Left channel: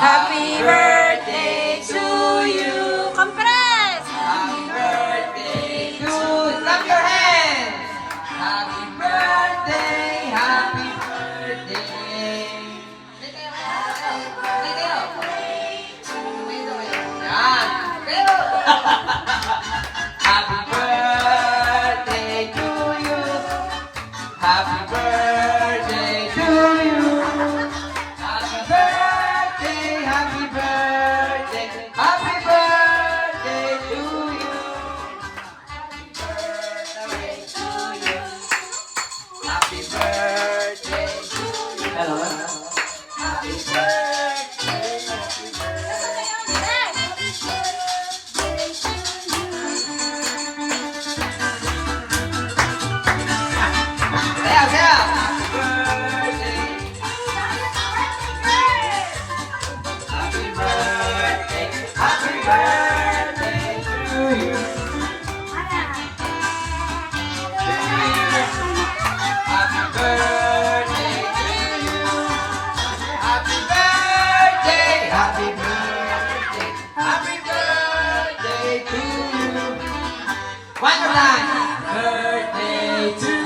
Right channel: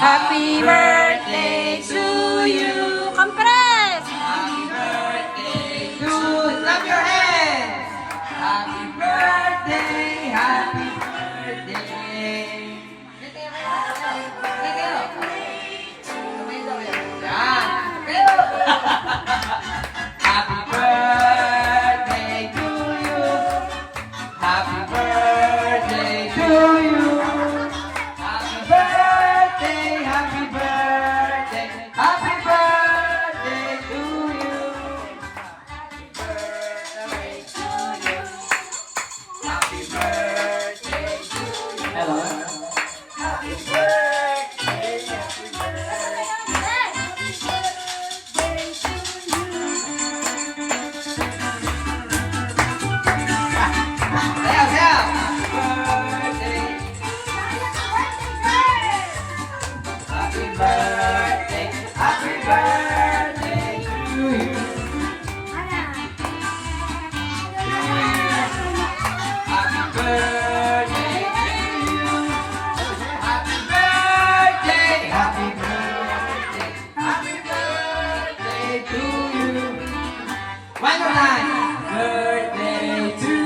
Happy birthday to you. Compress! Happy birthday to you. Clap your hands. Happy birthday, happy birthday. Yan. Happy birthday to you. Happy birthday to you. Happy birthday, happy birthday, happy birthday to you. Happy birthday to you. Hello. Happy one more time. Birthday to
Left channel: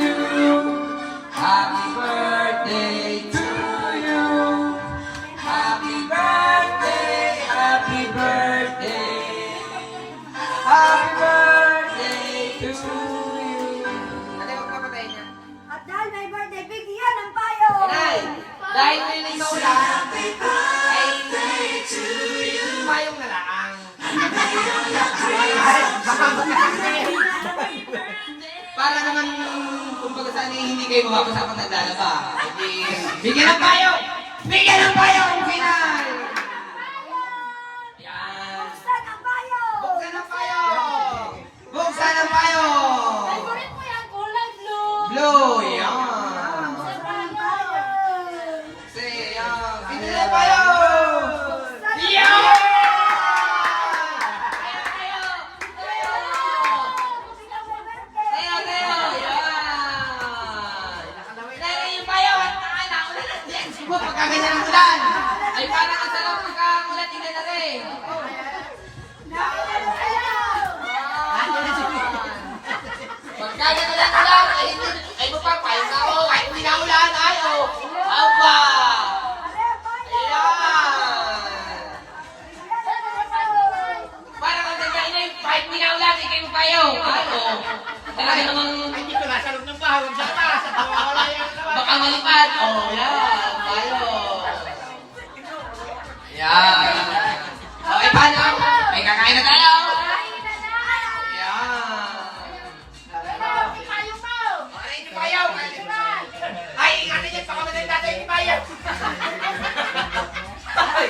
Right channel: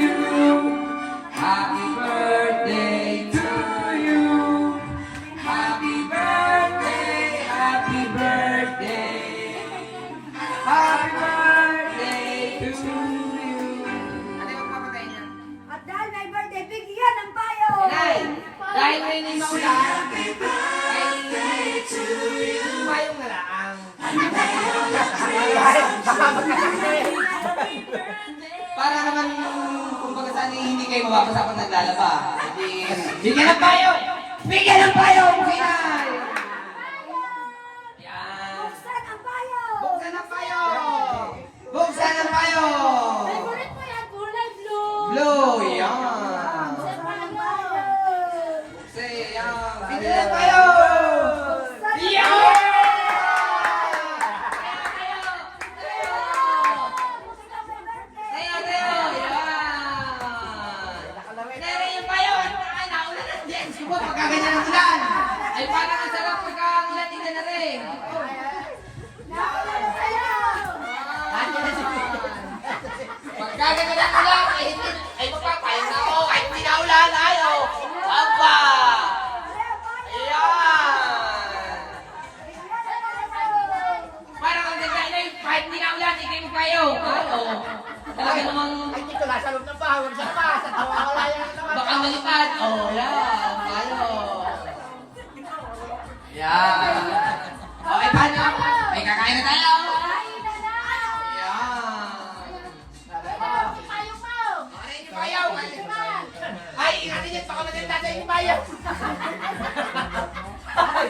you. Happy birthday to you. Happy birthday, happy birthday. Happy birthday to you. Ano yung papatay niya? At dahil may birthday, bigyan ng payo! Nay, dahil may ligaw lang. Happy birthday to you. Mayong na lang. Para naman kumbaga saan hindi kayo mababasa pag naglalaba. Bigyan ng payo! Bigyan ng payo! Okay na! Yan. Buksan ang payo! Buksan ang payo! Buksan ang payo! Favorite mo yung kulay blue! Blue! Yan! Buksan ang payo! Say, yan! Bigyan ng payo! Yan! Pagkaganyan ng ulan, ay parang ang sarap pagkakulat ina na rin. Pagkaganyan ng ulan, ay magpapayin na ako, kahit hindi na ulan, ayaw. Aba! Ayan! Parang ang nagkainay, kahit hindi na ulan, ikay magpayo. Ayaw. Talaga namang... Hindi ko nasa loob ng bahay, sa taas, at wala yung Baka nalipad. Oh, yan. Tayo. Yan. Okay, paano? May kakain na tayo. Yan. Okay, hindi payaw. Ay, ingatan niyan. Baka maganda tayo hindi payaw. Ay,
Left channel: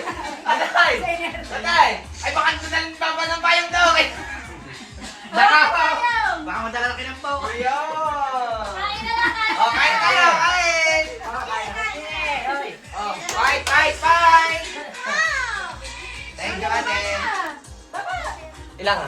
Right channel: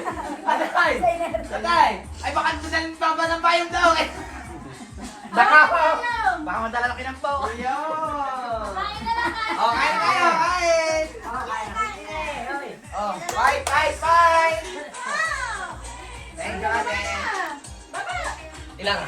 Tatay. Ay, baka doon baba ng payong daw. Baka madala na kinambaw. Yan. Oh, kain na tayo. Kain. Oh, bye, bye, bye. Thank you, ate. Ilang?